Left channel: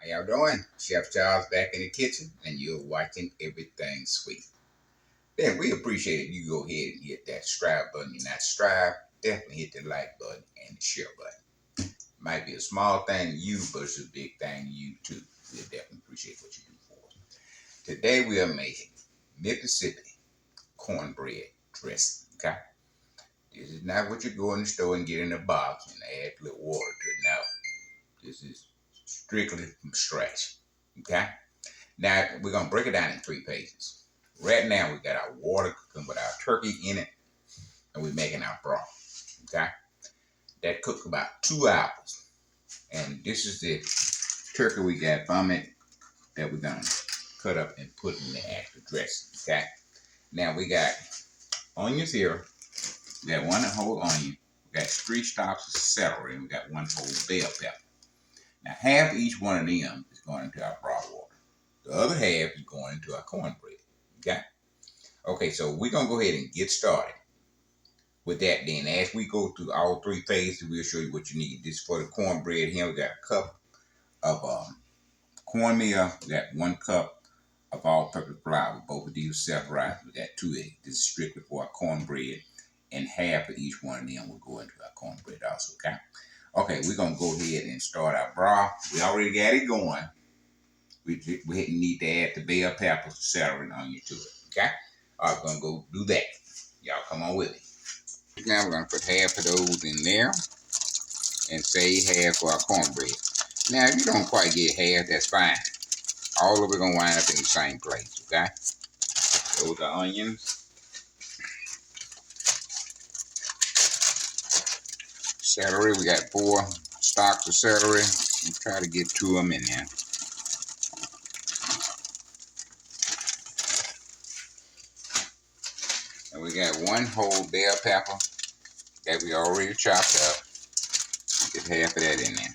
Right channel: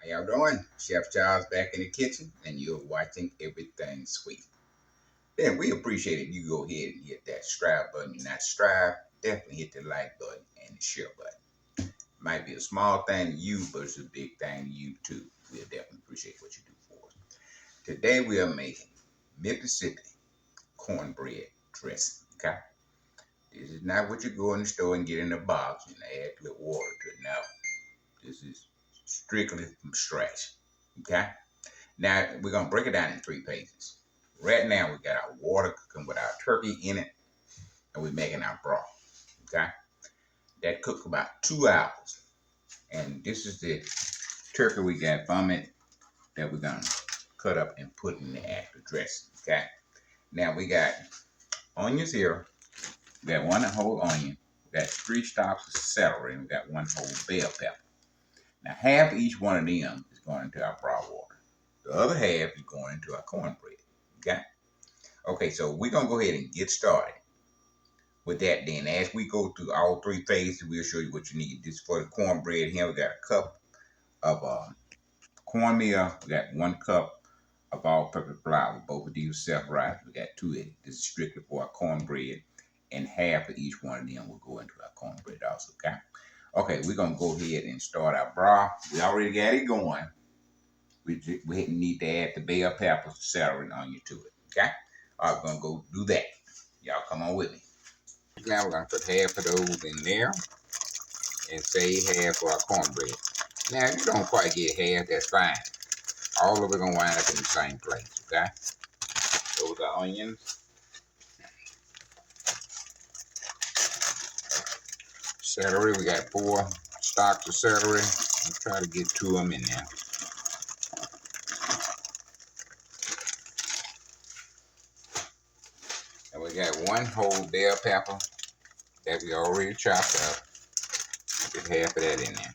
How y'all doing? Chef Charles back in the kitchen, and you're watching Everything Sweet. Then we appreciate it. You go ahead and hit that subscribe button. You're not subscribed, definitely hit the like button and the share button. Might be a small thing to you, but it's a big thing to you too. We'll definitely appreciate what you do for us. Today we are making Mississippi cornbread dressing. Okay? This is not what you go in the store and get in a box and add a little water to it. No. This is strictly from scratch. Okay? Now we're gonna break it down in three pages. Right now we got our water cooking with our turkey in it, and we're making our broth. Okay, that cooked about 2 hours, and this is the turkey we got from it that we're gonna cut up and put in the actual dressing. Okay, now we got onions here. We got one whole onion. We got 3 stalks of celery, and we got one whole bell pepper. Now half of each one of them is going into our broth water. The other half is going into our cornbread. Okay. Okay, so we're gonna go ahead and get started with that. Then, as we go through all three phases, we'll show you what you need. This for the cornbread here. We got a cup of cornmeal. We got 1 cup of all-purpose flour. Both of these self-rising. We got 2 eggs. This is strictly for our cornbread, and half of each one of them will go into our cornbread also. Okay. Okay, we're gonna go ahead and start our broth. We already got it going. We need to add the bell peppers, celery, and onion to it. Okay. All right, we're gonna go do that. Y'all come on with me. Now we're gonna put half of those in there and save half for our cornbread. Now if you don't quite get half, that's fine. All of it gonna wind up in the same place, okay? Those are onions. Celery, we got 4 stalks of celery. I'll try to get 2 of them in there. And we got 1 whole bell pepper that we already chopped up. Get half of that in there.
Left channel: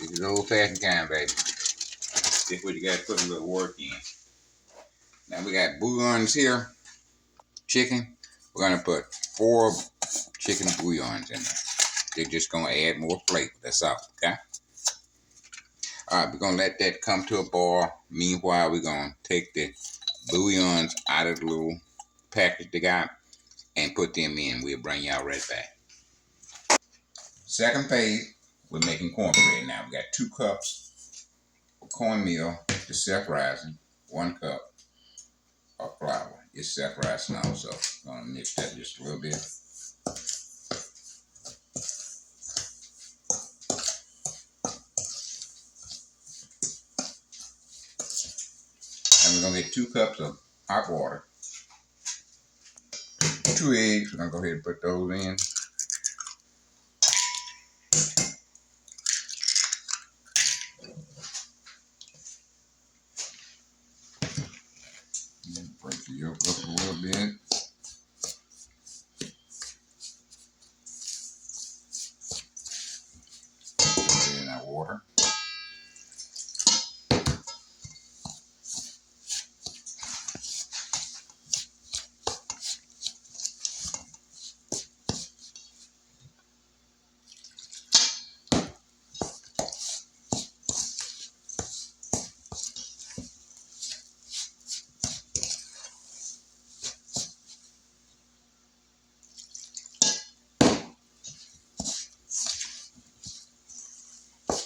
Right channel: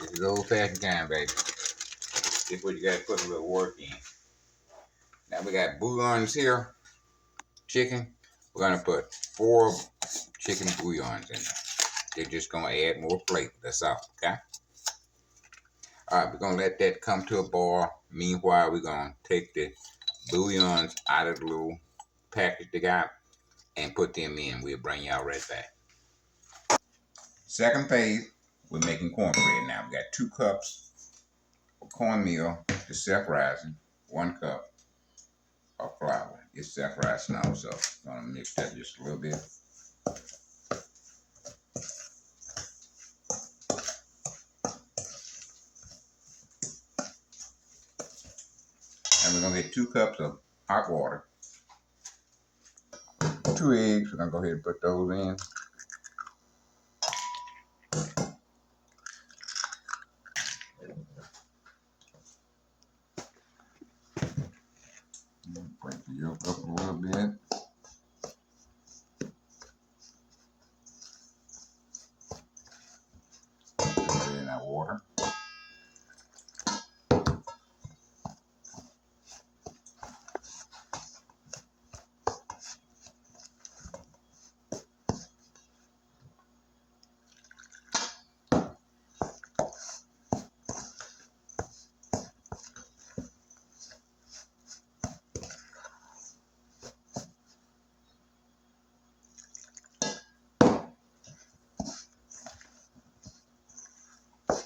This is old-fashioned kind, baby. This is what you got to put a little work in. Now we got bouillons here. Chicken. We're going to put 4 chicken bouillons in there. They're just going to add more flavor. That's all, okay? All right, we're going to let that come to a boil. Meanwhile, we're going to take the bouillons out of the little package they got and put them in. We'll bring y'all right back. Second phase, we're making cornbread now. We got 2 cups of cornmeal, the self-rising, 1 cup of flour. It's self-rising also. I'm going to mix that just a little bit. And we're going to get 2 cups of hot water. 2 eggs. We're going to go ahead and put those in. Break the yolk up a little bit. Put it in that water.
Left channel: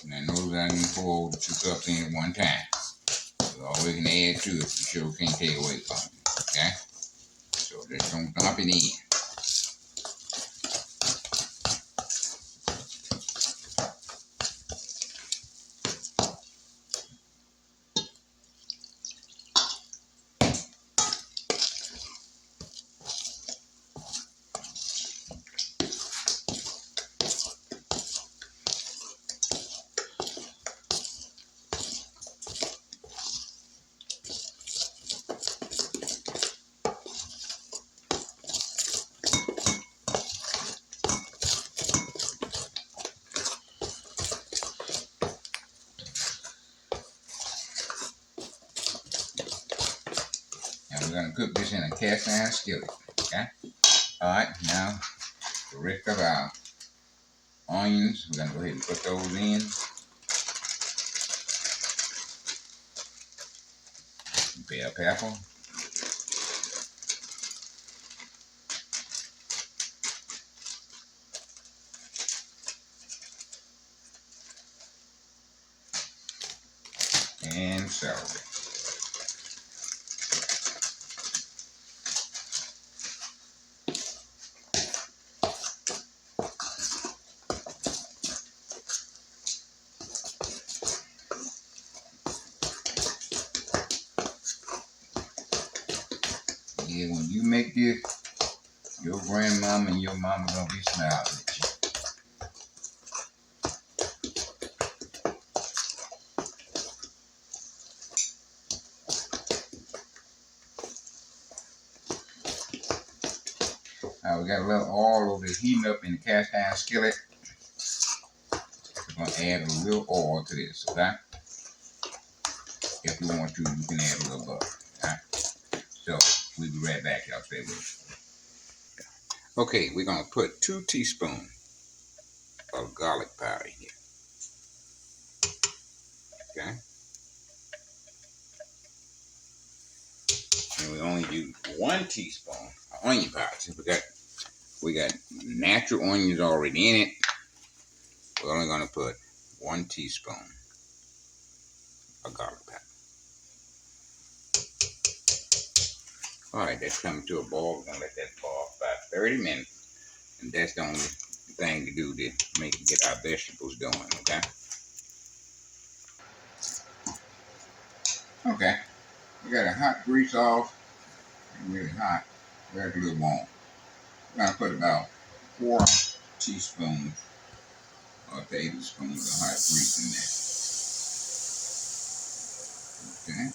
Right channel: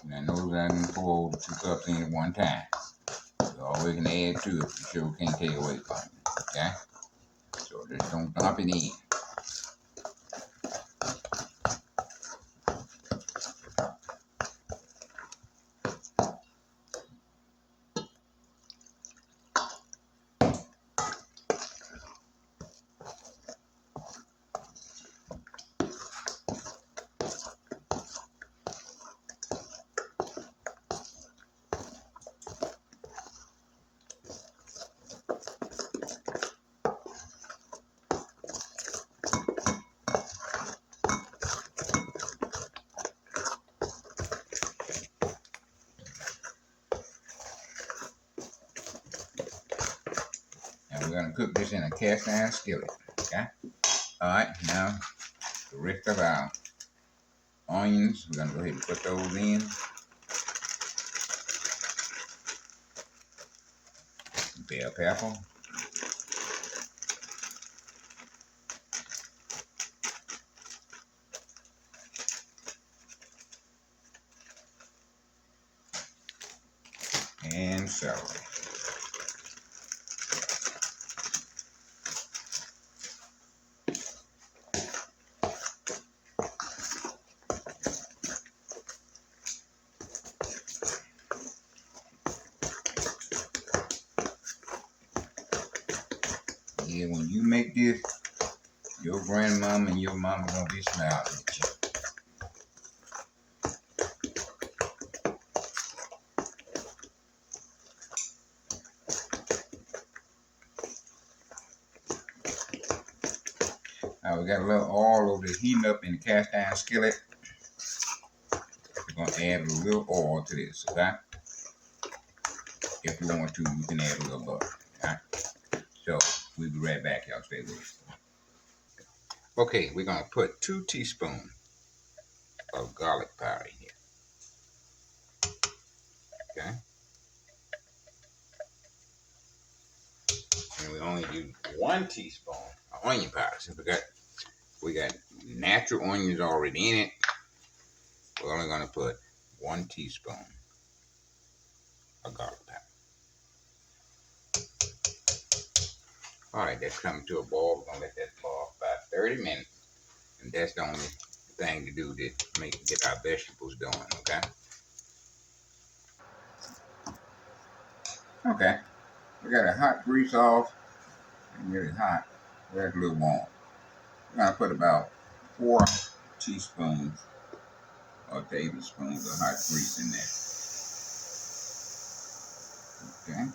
Now notice I didn't pour the 2 cups in at one time. You always can add to it. You sure can't take away from it. Okay? So just don't dump it in. And we're going to cook this in a cast iron skillet. Okay? Alright, now the rest of our onions. We're gonna go ahead and put those in. Bell pepper. And celery. Yeah, when you make this, your grandmama and your mama gonna be smiling at you. Now we got a little oil over there heating up in the cast iron skillet. We're gonna add a little oil to this, okay? If you want to, you can add a little butter. Okay? So we'll be right back, y'all. Stay with us. Okay, we're gonna put 2 teaspoons of garlic powder in here. Okay? And we only use 1 teaspoon of onion powder. So we got natural onions already in it. We're only gonna put 1 teaspoon of garlic powder. Alright, that's coming to a boil. We're gonna let that boil for about 30 minutes. And that's the only thing to do to get our vegetables going, okay? Okay. We got a hot grease off. It's really hot. We got a little warm. We're gonna put about 4 teaspoons or tablespoons of hot grease in there. Okay.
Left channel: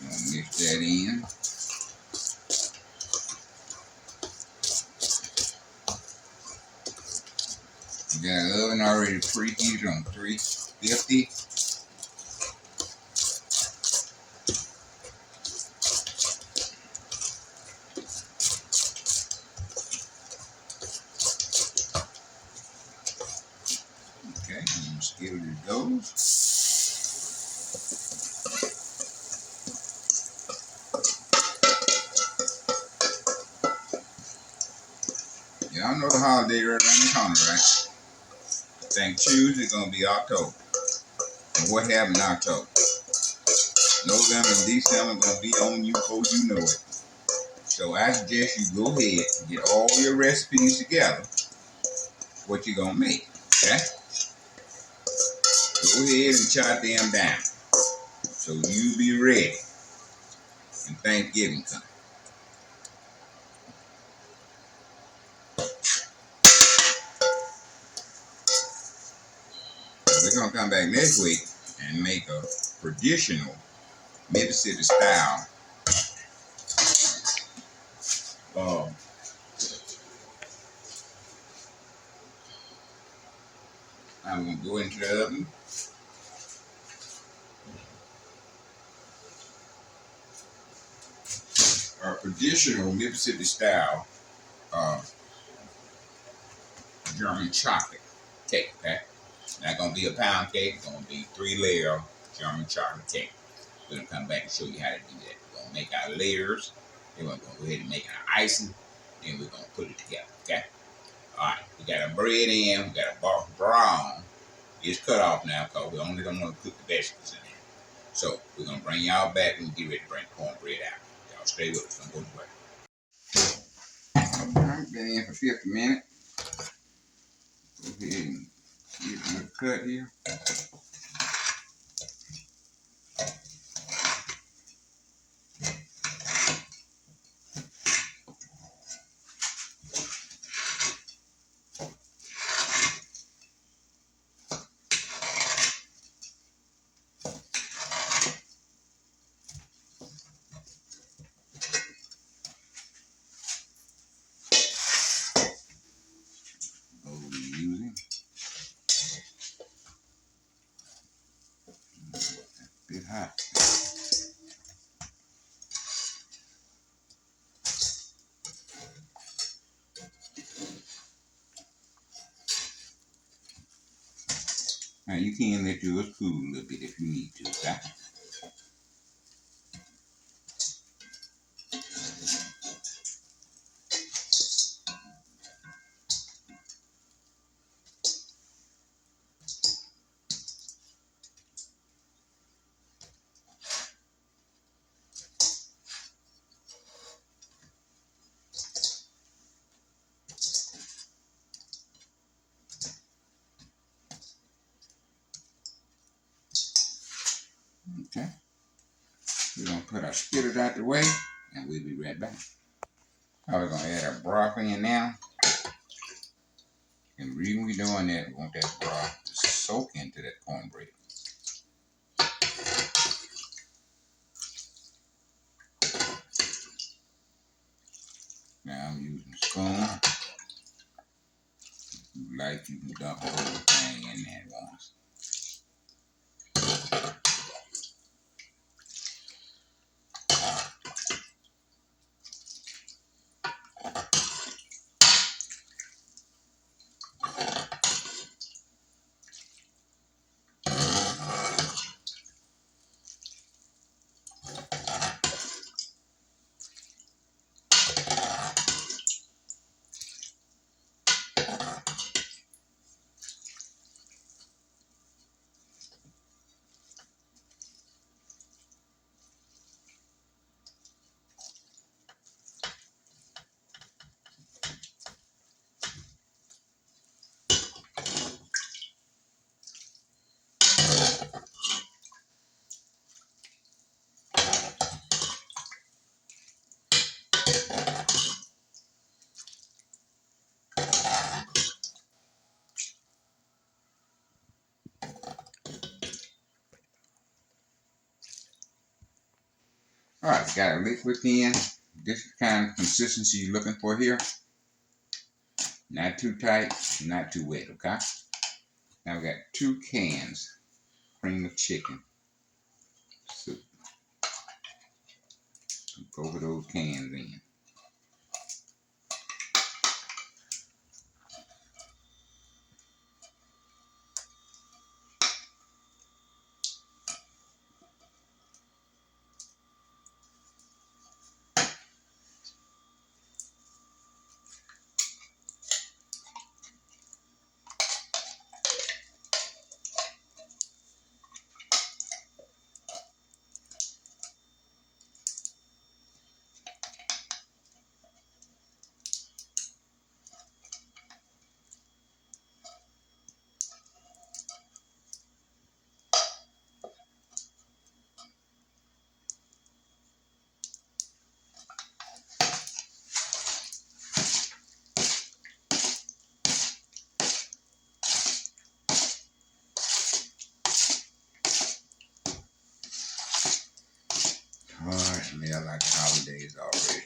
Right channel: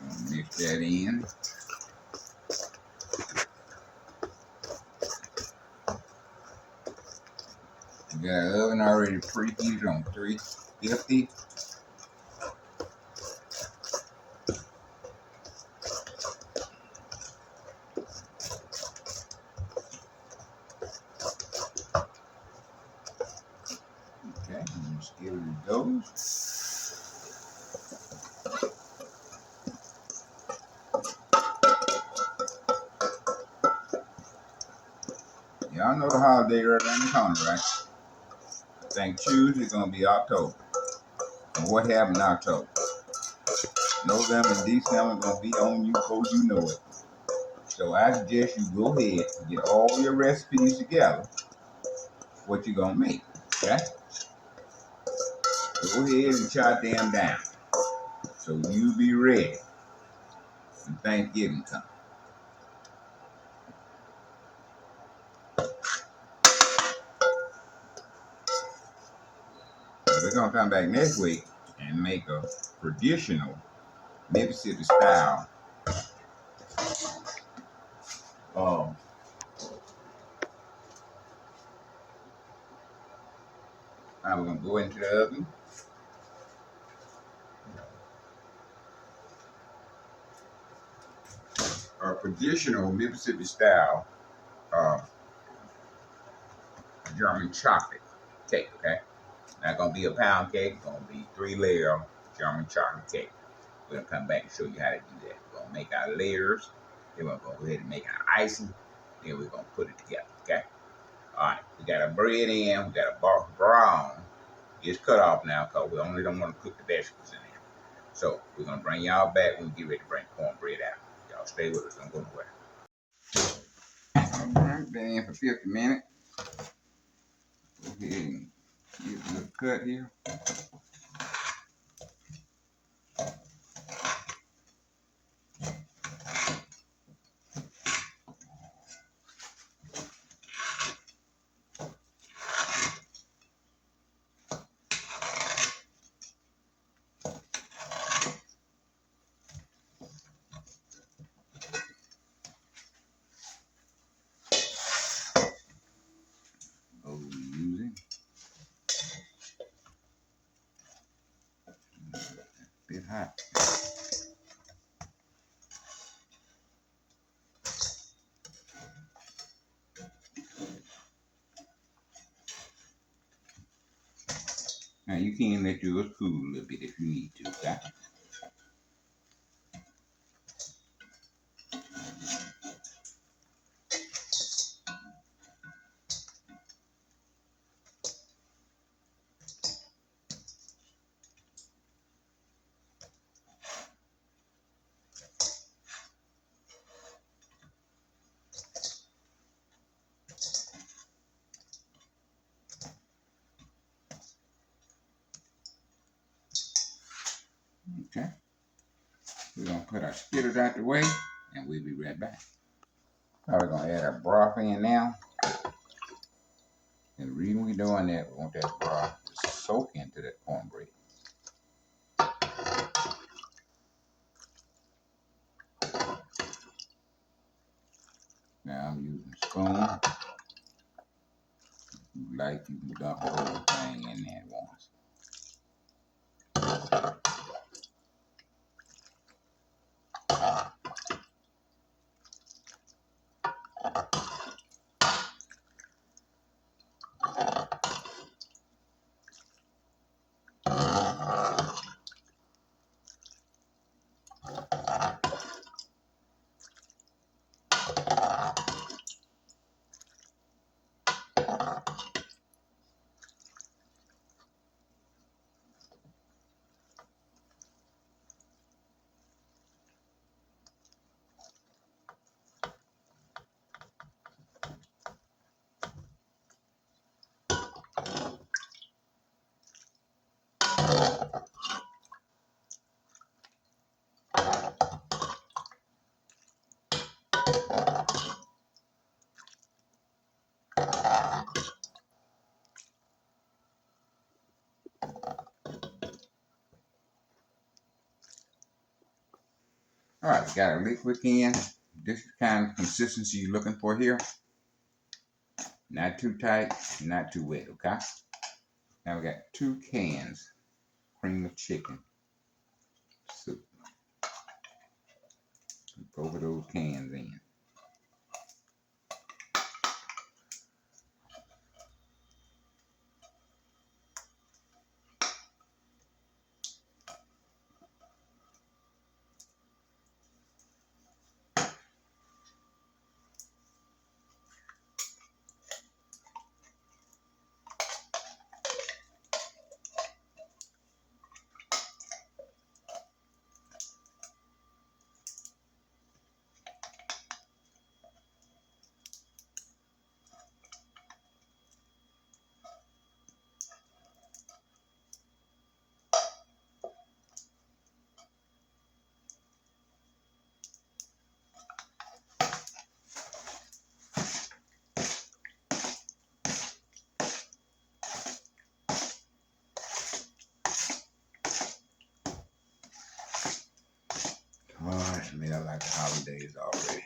Gonna mix that in. We got an oven already preheated on 350. Okay, and skillet it goes. Y'all know the holiday right around the corner, right? I think Tuesday gonna be October. And what happened in October? November and December gonna be on you before you know it. So I suggest you go ahead and get all your recipes together. What you gonna make, okay? Go ahead and jot them down so you be ready when Thanksgiving comes. We're gonna come back next week and make a traditional Mississippi style. Now we're gonna go into the oven. Our traditional Mississippi style German chocolate cake, okay? Not gonna be a pound cake, it's gonna be 3-layer German chocolate cake. We're gonna come back and show you how to do that. We're gonna make our layers, then we're gonna go ahead and make our icing, then we're gonna put it together, okay? Alright, we got our bread in, we got a brown. It's cut off now because we only don't want to cook the vegetables in there. So we're gonna bring y'all back when we get ready to bring cornbread out. Y'all stay with us, don't go nowhere. Alright, been in for 50 minutes. Go ahead and get a little cut here. Using a bit hot. Now you can let yours cool a little bit if you need to, okay? Okay. We're gonna put our spitters out the way and we'll be right back. Now we're gonna add our broth in now. And the reason we're doing that, we want that broth to soak into that cornbread. Now I'm using a spoon. If you like, you can dump the whole thing in there at once. All right, we got our liquid in. This is the kind of consistency you're looking for here. Not too tight, not too wet, okay? Now we got 2 cans cream of chicken soup. Over those cans in. Oh, it smells like the holidays already.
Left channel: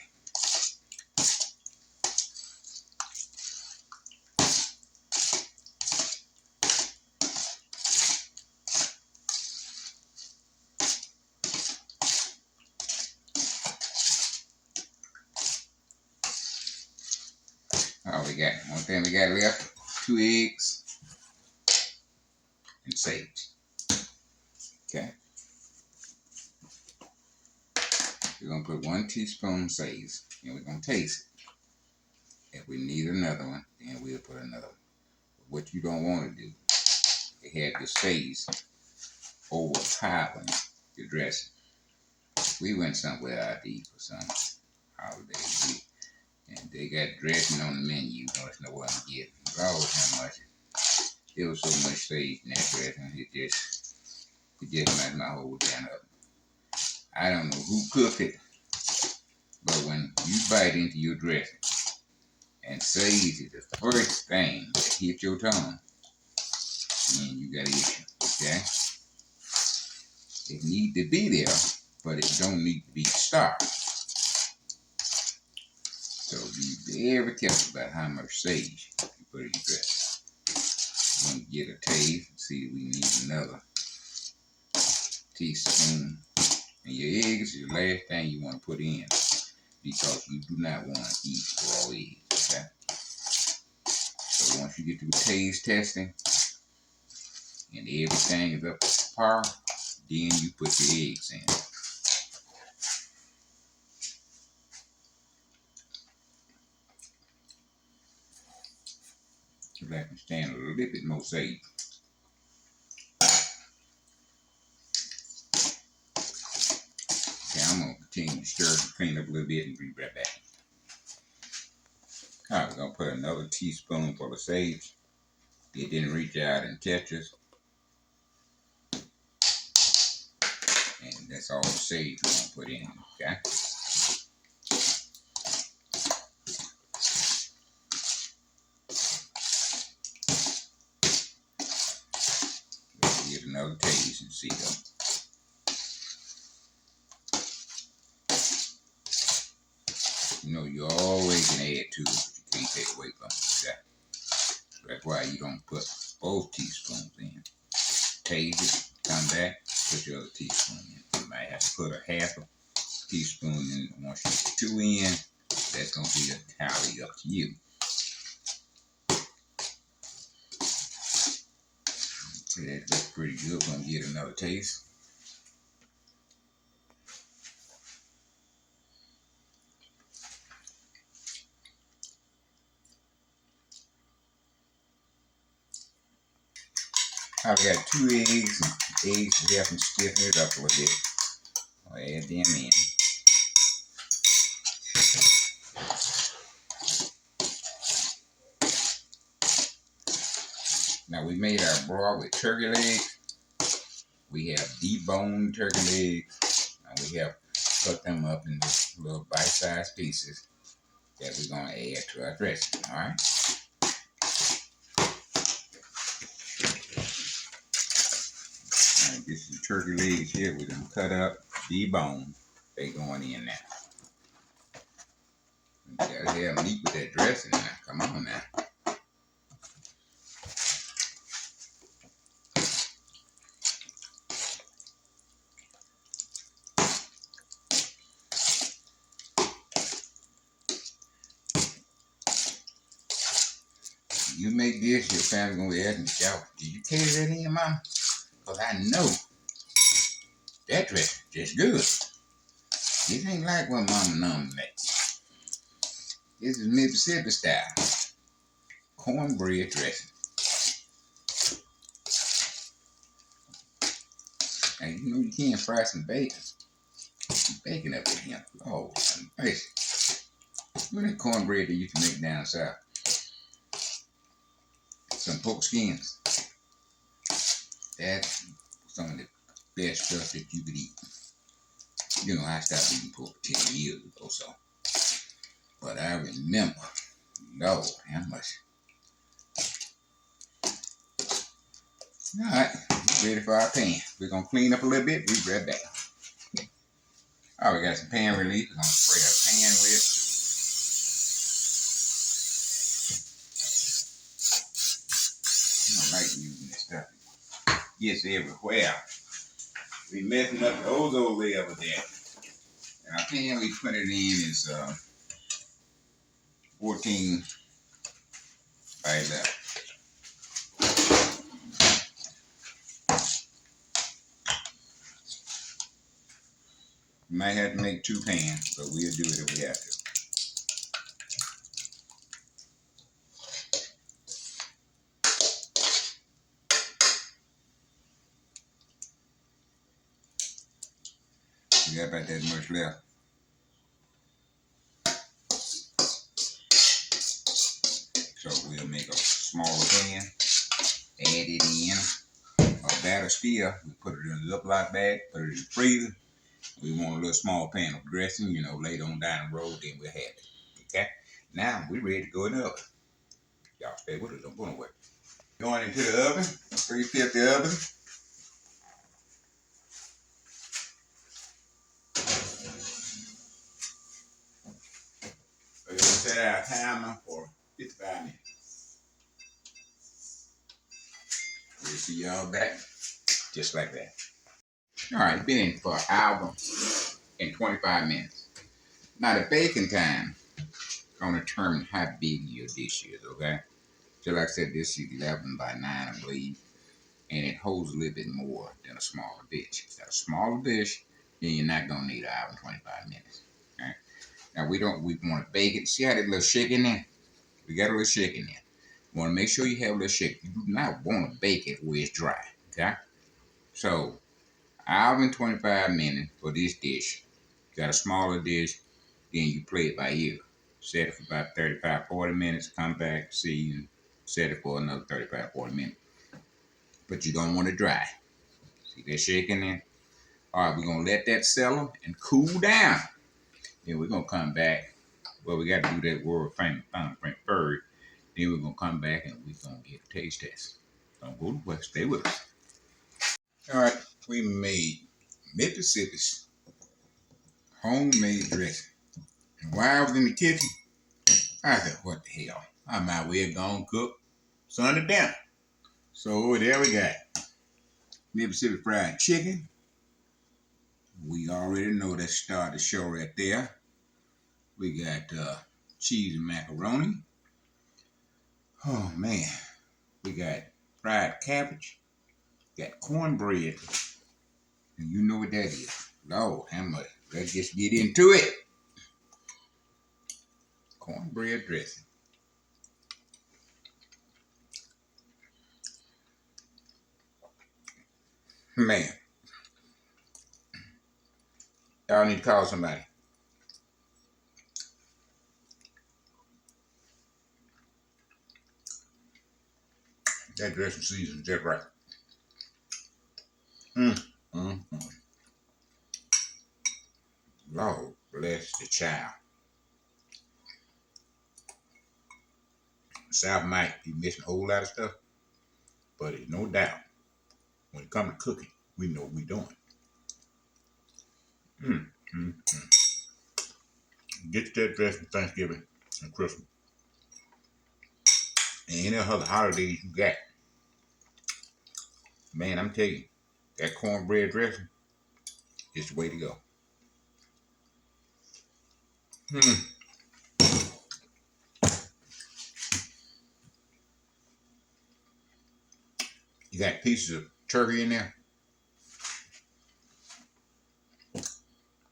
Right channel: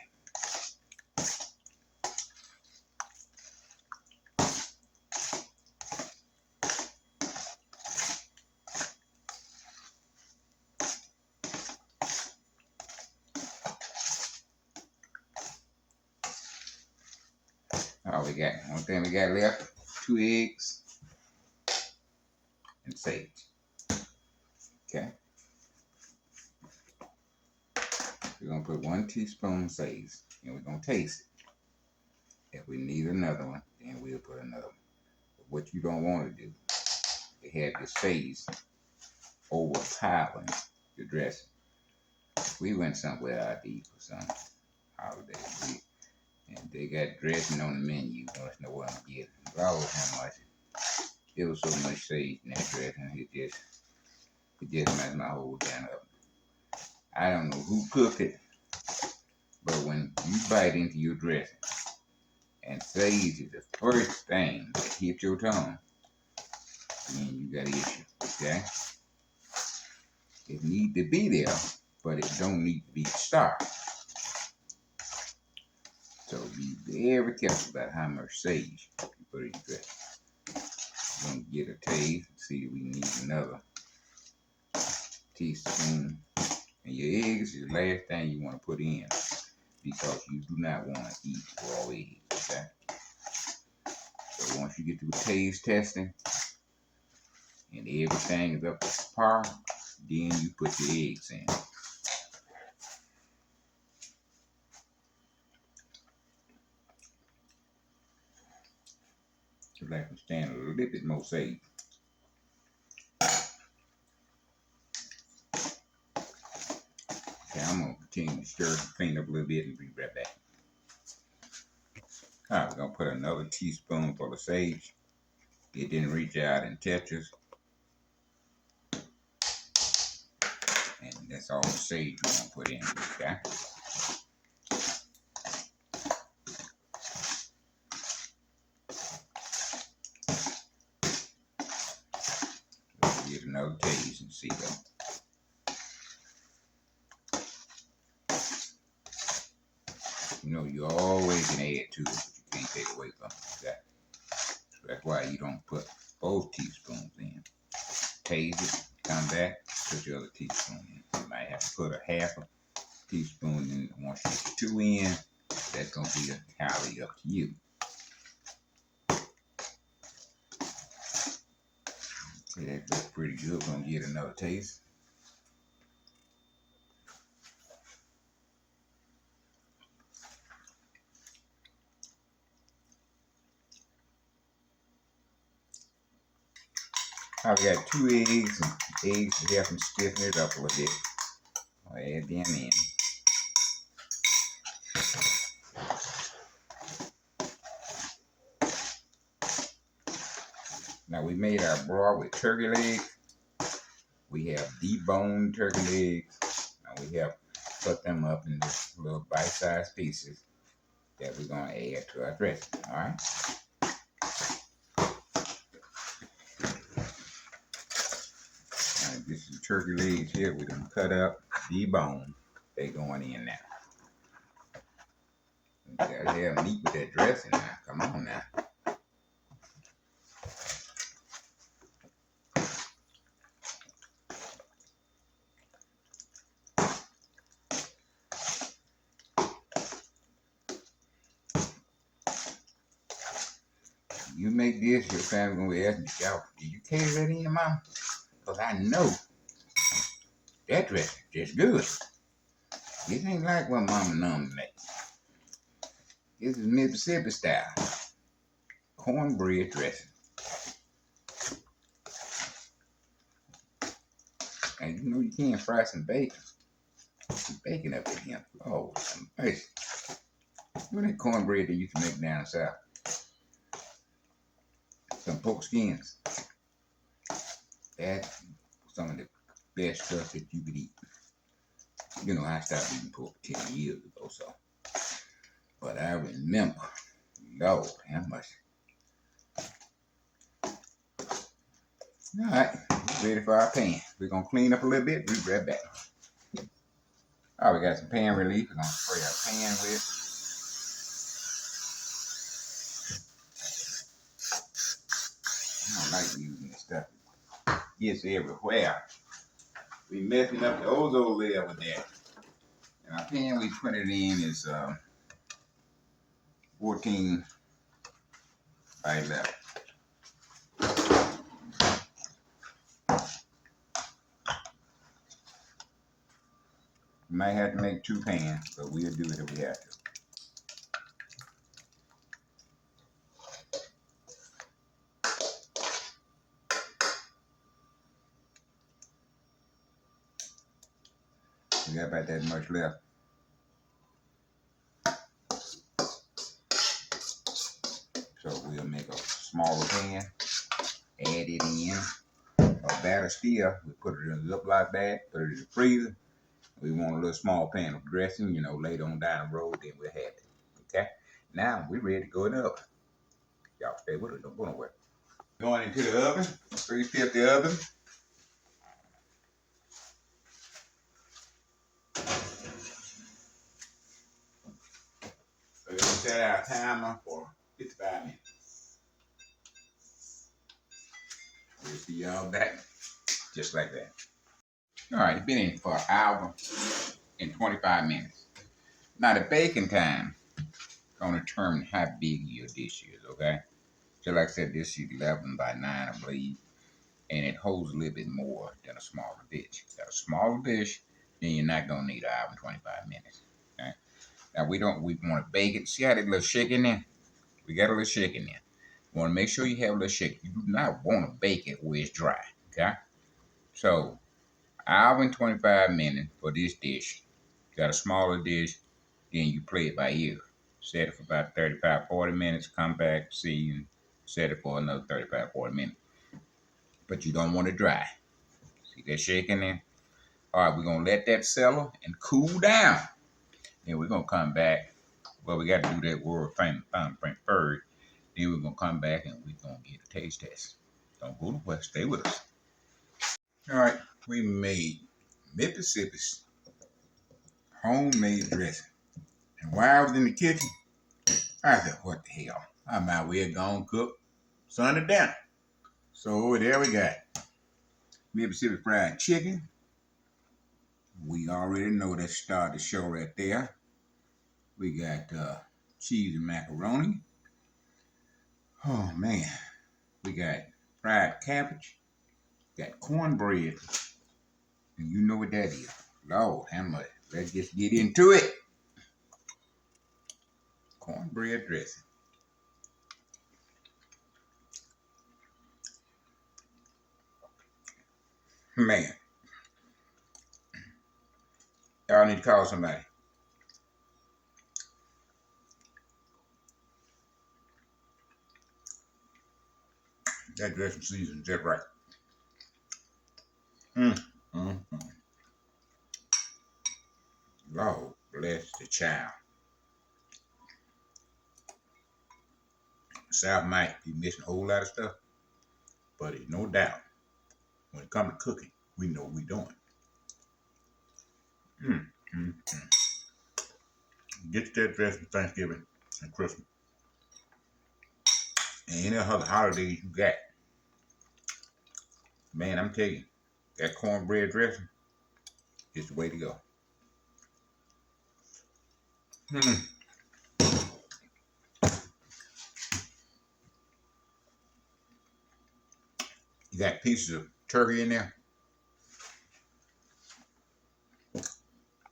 Oh, we got one thing we got left: 2 eggs and sage. Okay. We're gonna put 1 teaspoon sage, and we're gonna taste it. If we need another one, then we'll put another one. But what you don't want to do is have your sage overpowering your dressing. We went somewhere out to eat for some holiday, and they got dressing on the menu. There's nowhere to get. Regardless how much, there was so much sage in that dressing, it just messed my whole damn up. I don't know who cooked it, but when you bite into your dressing and sage is the first thing that hits your tongue, then you got an issue, okay? It need to be there, but it don't need to be the star. So be very careful about how much sage you put in your dressing. You're going to get a taste and see if we need another teaspoon. And your eggs is the last thing you want to put in, because you do not want to eat raw eggs, okay? So once you get through taste testing, and everything is up to par, then you put your eggs in. So like to stand a little bit more sage. Okay, I'm gonna continue to stir and clean up a little bit and be right back. All right, we're gonna put another teaspoonful of sage. It didn't reach out and touch us. And that's all the sage we're gonna put in, okay? Let's give it another taste and see though. You know, you always can add to it, but you can't take away from it, okay? So that's why you don't put both teaspoons in. Taste it, come back, put your other teaspoon in. You might have to put a half a teaspoon in. Once you put 2 in, that's gonna be entirely up to you. See, that looks pretty good. We're gonna get another taste. I've got 2 eggs, and eggs to help them stiffen it up a little bit. I'll add them in. Now we made our broth with turkey legs. We have deboned turkey legs. And we have cut them up into little bite-sized pieces that we're gonna add to our dressing, all right? All right, this is turkey legs here. We're gonna cut up, debone. They going in now. You gotta have meat with that dressing now. Come on now. You make this, your family gonna be asking y'all, did you cater that in, Mama? Because I know that dressing just good. This ain't like what Mama normally makes. This is Mississippi style. Cornbread dressing. And you know you can't fry some bacon. Some bacon up in here. Oh, nice. Look at that cornbread that you can make down south. Some pork skins. That's some of the best stuff that you could eat. You know, I stopped eating pork 10 years ago, so. But I remember, Lord, how much. All right, we're ready for our pan. We're gonna clean up a little bit. We'll be right back. All right, we got some pan relief. We're gonna spray our pan with. I don't like using this stuff. It gets everywhere. We messing up the ozone layer with that. And our pan we put it in is 14 by 11. We might have to make 2 pans, but we'll do it if we have to. We got about that much left. So we'll make a smaller pan, add it in. A batter still, we put it in a Ziploc bag, put it in the freezer. We want a little small pan of dressing, you know, later on down the road, then we'll have it. Okay? Now we're ready to go in the oven. Y'all stay with us, don't go nowhere. Going into the oven, 350 oven. We're gonna set our timer for 55 minutes. We'll see y'all back just like that. All right, been in for an hour and 25 minutes. Now the baking time gonna determine how big your dish is, okay? So like I said, this is 11 by 9, I believe. and it holds a little bit more than a smaller dish. If you got a smaller dish, then you're not gonna need an hour and 25 minutes. Okay? Now we want to bake it. See how that little shake in there? We got a little shake in there. You want to make sure you have a little shake. You do not want to bake it where it's dry. Okay? So hour and 25 minutes for this dish. You got a smaller dish, then you play it by ear. Set it for about 35, 40 minutes, come back, see, and set it for another 35, 40 minutes. But you don't want it dry. See that shaking there? All right, we're going to let that settle and cool down. Then we're going to come back. Well, we got to do that world famous thumbprint first. Then we're going to come back and we're going to get a taste test. Don't go to West. Stay with us. All right, we made Mississippi's homemade dressing. And while I was in the kitchen, I said, what the hell? I might well go cook Sunday dinner. So there we got Mississippi fried chicken. We already know that started the show right there. We got cheese and macaroni. Oh man, we got fried cabbage. Got cornbread. And you know what that is. Lord, how much? Let's just get into it. Cornbread dressing. Man, y'all need to call somebody. That dressing season's just right. Lord bless the child. South might be missing a whole lot of stuff, but it's no doubt when it comes to cooking, we know what we're doing. Get that dressing for Thanksgiving and Christmas. And any other holidays you got. Man, I'm telling you, that cornbread dressing is the way to go. You got pieces of turkey in there.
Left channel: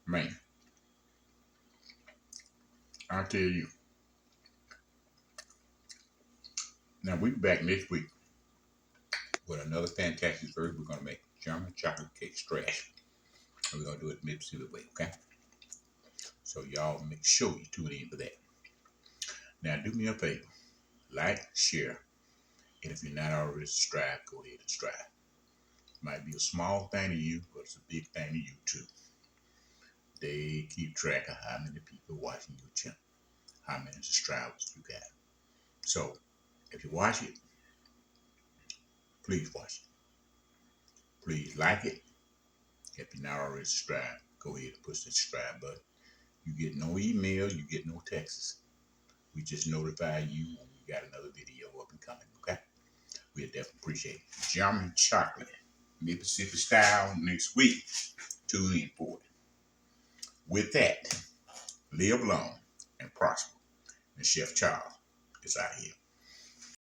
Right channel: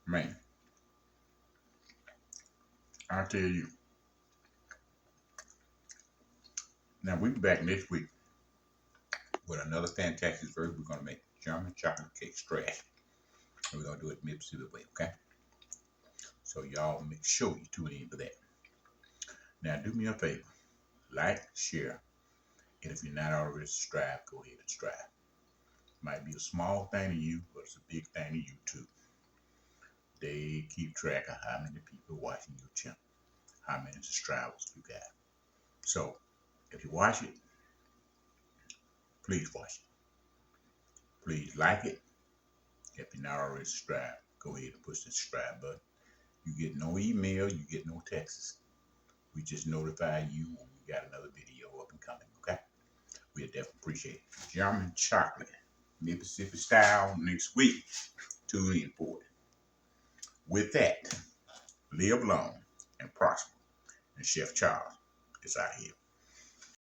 Man, I'll tell you. Now, we'll be back next week with another fantastic dessert. We're going to make German chocolate cake strash. And we're going to do it the Mississippi way, okay? So y'all make sure you tune in for that. Now, do me a favor. Like, share, and if you're not already subscribed, go ahead and subscribe. Might be a small thing to you, but it's a big thing to you too. They keep track of how many people watching your channel, how many subscribers you got. So, if you watch it, please watch it. Please like it. If you're not already subscribed, go ahead and push the subscribe button. You get no email, you get no texts. We just notify you when we got another video up and coming, okay? We'll definitely appreciate it. German chocolate, Mississippi style next week. Tune in for it. With that, live long and prosper. And Chef Charles is out here.